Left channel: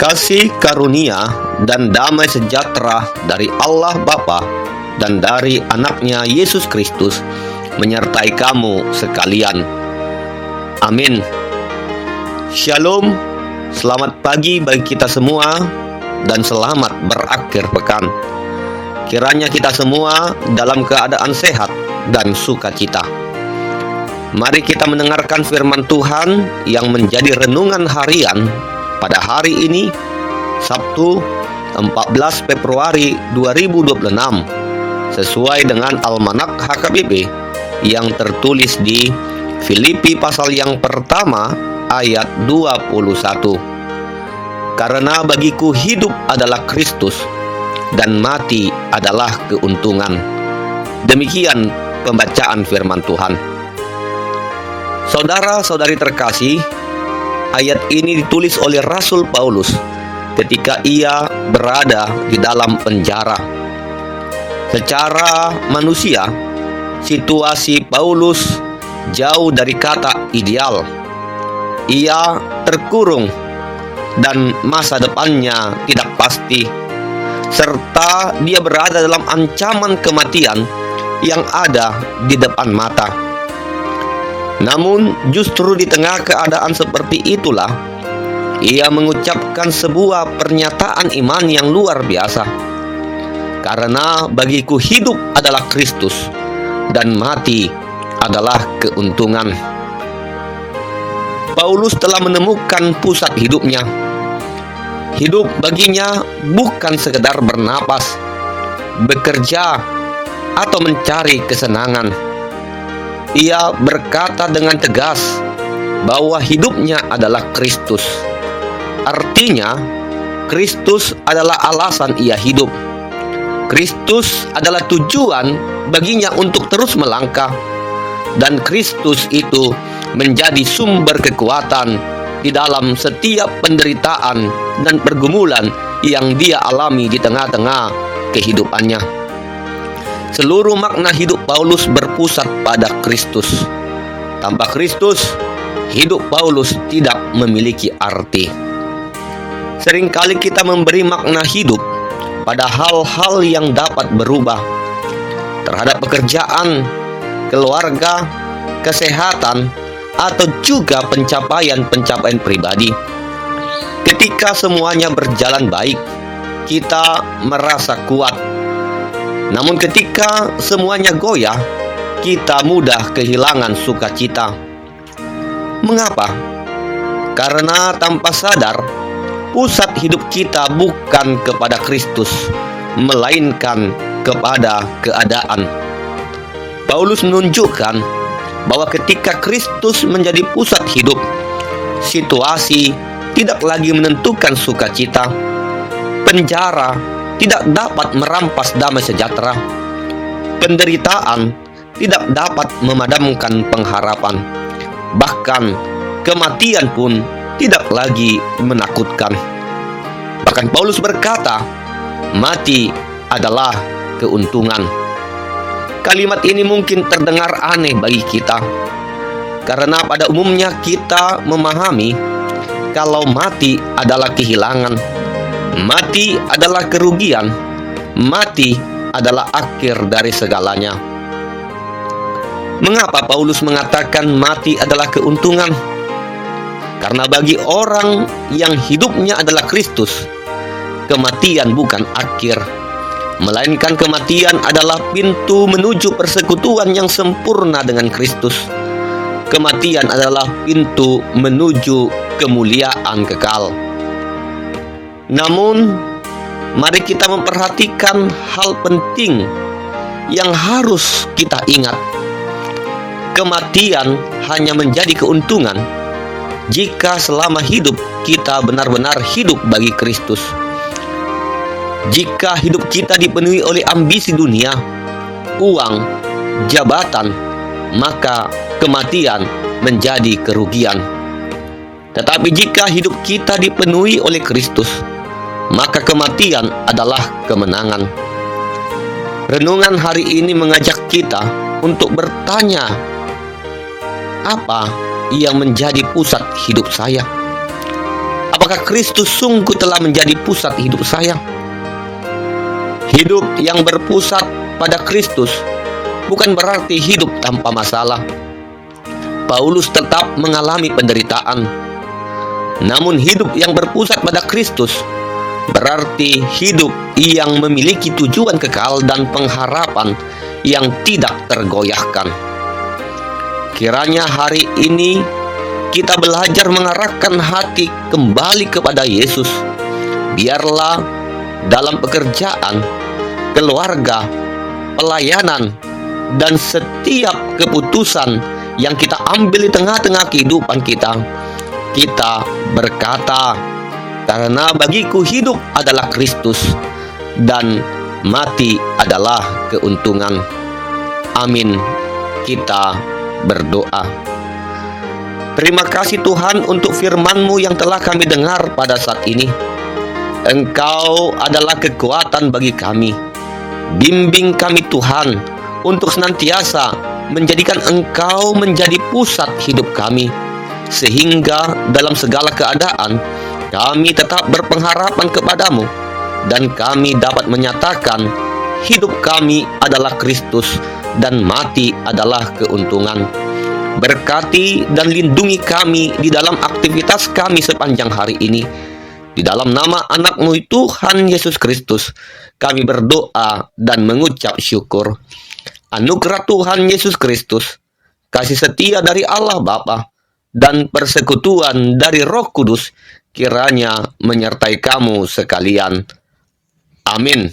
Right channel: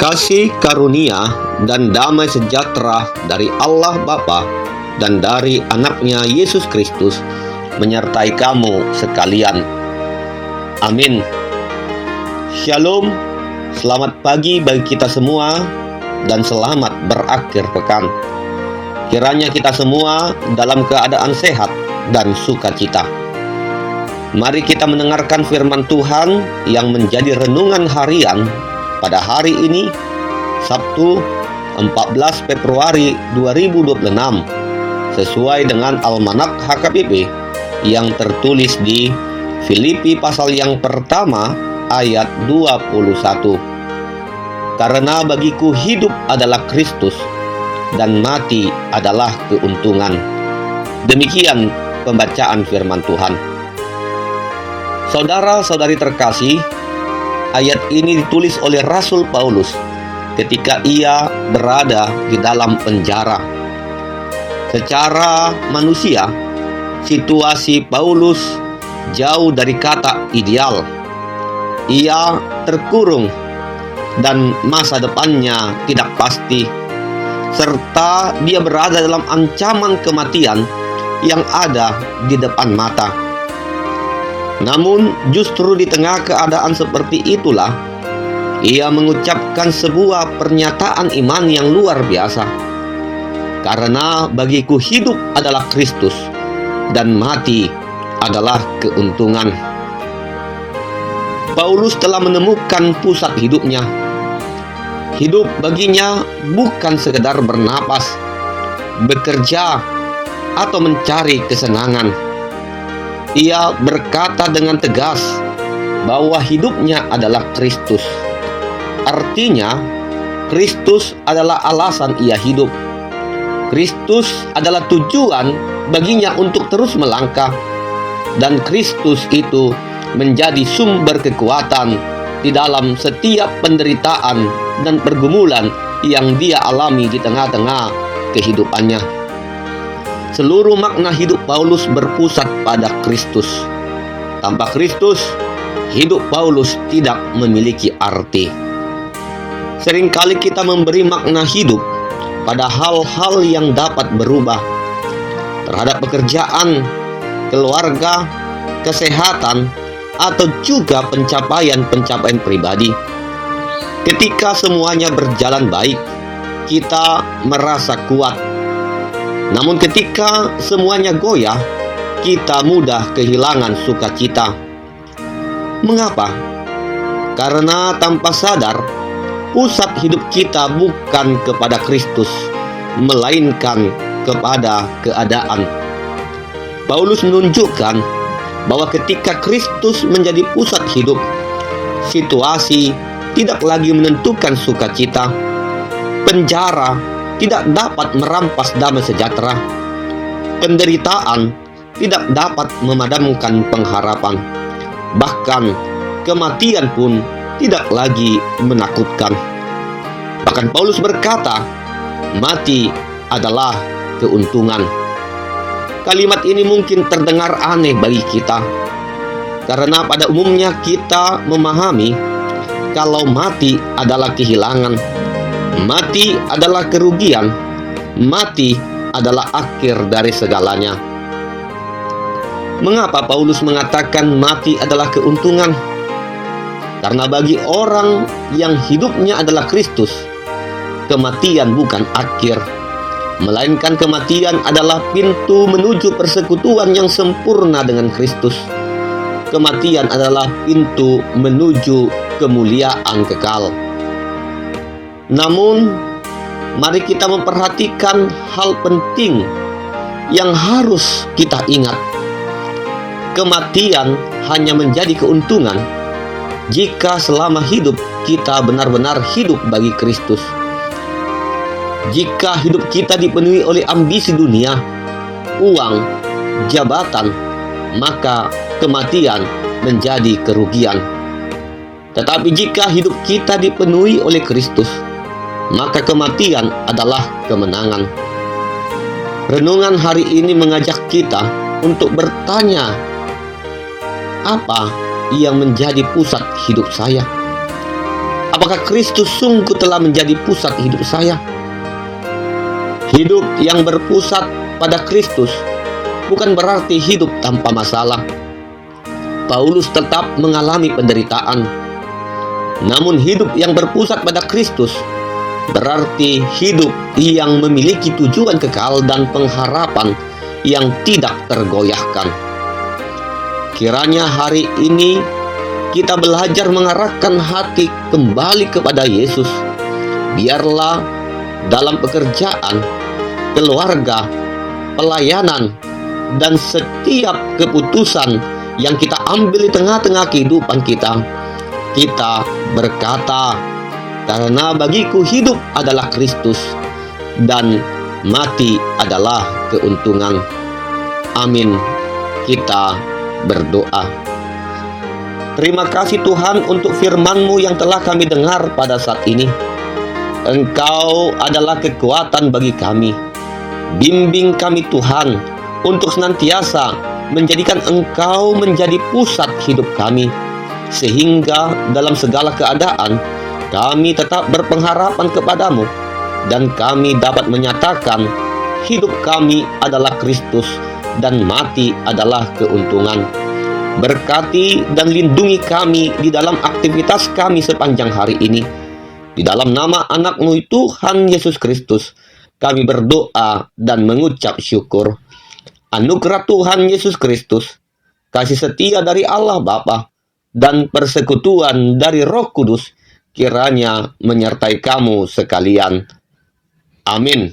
Kasih karunia dan damai sejahtera dari Allah Bapa dan dari anaknya Yesus Kristus menyertai kamu sekalian. Amin. Shalom, selamat pagi bagi kita semua dan selamat berakhir pekan. Kiranya kita semua dalam keadaan sehat dan sukacita. Mari kita mendengarkan firman Tuhan yang menjadi renungan harian pada hari ini, Sabtu 14 Februari 2026, sesuai dengan Almanak HKBP yang tertulis di Filipi pasal yang pertama ayat 21. Karena bagiku hidup adalah Kristus dan mati adalah keuntungan. Demikian pembacaan firman Tuhan. Saudara-saudari terkasih, ayat ini ditulis oleh Rasul Paulus ketika ia berada di dalam penjara. Secara manusia, situasi Paulus jauh dari kata ideal. Ia terkurung dan masa depannya tidak pasti, serta dia berada dalam ancaman kematian yang ada di depan mata. Namun justru di tengah keadaan seperti itulah ia mengucapkan sebuah pernyataan iman yang luar biasa. Karena bagiku hidup adalah Kristus dan mati adalah keuntungan. Paulus telah menemukan pusat hidupnya. Hidup baginya bukan sekedar bernapas, bekerja, atau mencari kesenangan. Ia berkata dengan tegas bahwa hidupnya adalah Kristus. Artinya, Kristus adalah alasan ia hidup. Kristus adalah tujuan baginya untuk terus melangkah. Dan Kristus itu menjadi sumber kekuatan di dalam setiap penderitaan dan pergumulan yang dia alami di tengah-tengah kehidupannya. Seluruh makna hidup Paulus berpusat pada Kristus. Tanpa Kristus, hidup Paulus tidak memiliki arti. Seringkali kita memberi makna hidup pada hal-hal yang dapat berubah, terhadap pekerjaan, keluarga, kesehatan, atau juga pencapaian-pencapaian pribadi. Ketika semuanya berjalan baik, kita merasa kuat. Namun ketika semuanya goyah, kita mudah kehilangan sukacita. Mengapa? Karena tanpa sadar, pusat hidup kita bukan kepada Kristus, melainkan kepada keadaan. Paulus menunjukkan bahwa ketika Kristus menjadi pusat hidup, situasi tidak lagi menentukan sukacita. Penjara tidak dapat merampas damai sejahtera. Penderitaan tidak dapat memadamkan pengharapan. Bahkan kematian pun tidak lagi menakutkan. Bahkan Paulus berkata, mati adalah keuntungan. Kalimat ini mungkin terdengar aneh bagi kita, karena pada umumnya kita memahami kalau mati adalah kehilangan, mati adalah kerugian, mati adalah akhir dari segalanya. Mengapa Paulus mengatakan mati adalah keuntungan? Karena bagi orang yang hidupnya adalah Kristus, kematian bukan akhir, melainkan kematian adalah pintu menuju persekutuan yang sempurna dengan Kristus. Kematian adalah pintu menuju kemuliaan kekal. Namun, mari kita memperhatikan hal penting yang harus kita ingat. Kematian hanya menjadi keuntungan jika selama hidup kita benar-benar hidup bagi Kristus. Jika hidup kita dipenuhi oleh ambisi dunia, uang, jabatan, maka kematian menjadi kerugian. Tetapi jika hidup kita dipenuhi oleh Kristus, maka kematian adalah kemenangan. Renungan hari ini mengajak kita untuk bertanya, apa yang menjadi pusat hidup saya? Apakah Kristus sungguh telah menjadi pusat hidup saya? Hidup yang berpusat pada Kristus bukan berarti hidup tanpa masalah. Paulus tetap mengalami penderitaan. Namun hidup yang berpusat pada Kristus berarti hidup yang memiliki tujuan kekal dan pengharapan yang tidak tergoyahkan. Kiranya hari ini kita belajar mengarahkan hati kembali kepada Yesus. Biarlah dalam pekerjaan, keluarga, pelayanan, dan setiap keputusan yang kita ambil di tengah-tengah kehidupan kita berkata, karena bagiku hidup adalah Kristus dan mati adalah keuntungan. Amin. Kita berdoa. Terima kasih Tuhan untuk firman-Mu yang telah kami dengar pada saat ini. Engkau adalah kekuatan bagi kami. Bimbing kami Tuhan untuk senantiasa menjadikan Engkau menjadi pusat hidup kami, sehingga dalam segala keadaan kami tetap berpengharapan kepadamu dan kami dapat menyatakan hidup kami adalah Kristus dan mati adalah keuntungan. Berkati dan lindungi kami di dalam aktivitas kami sepanjang hari ini. Di dalam nama anak-Mu Tuhan Yesus Kristus, kami berdoa dan mengucap syukur. Anugerah Tuhan Yesus Kristus, kasih setia dari Allah Bapa, dan persekutuan dari Roh Kudus kiranya menyertai kamu sekalian. Amin.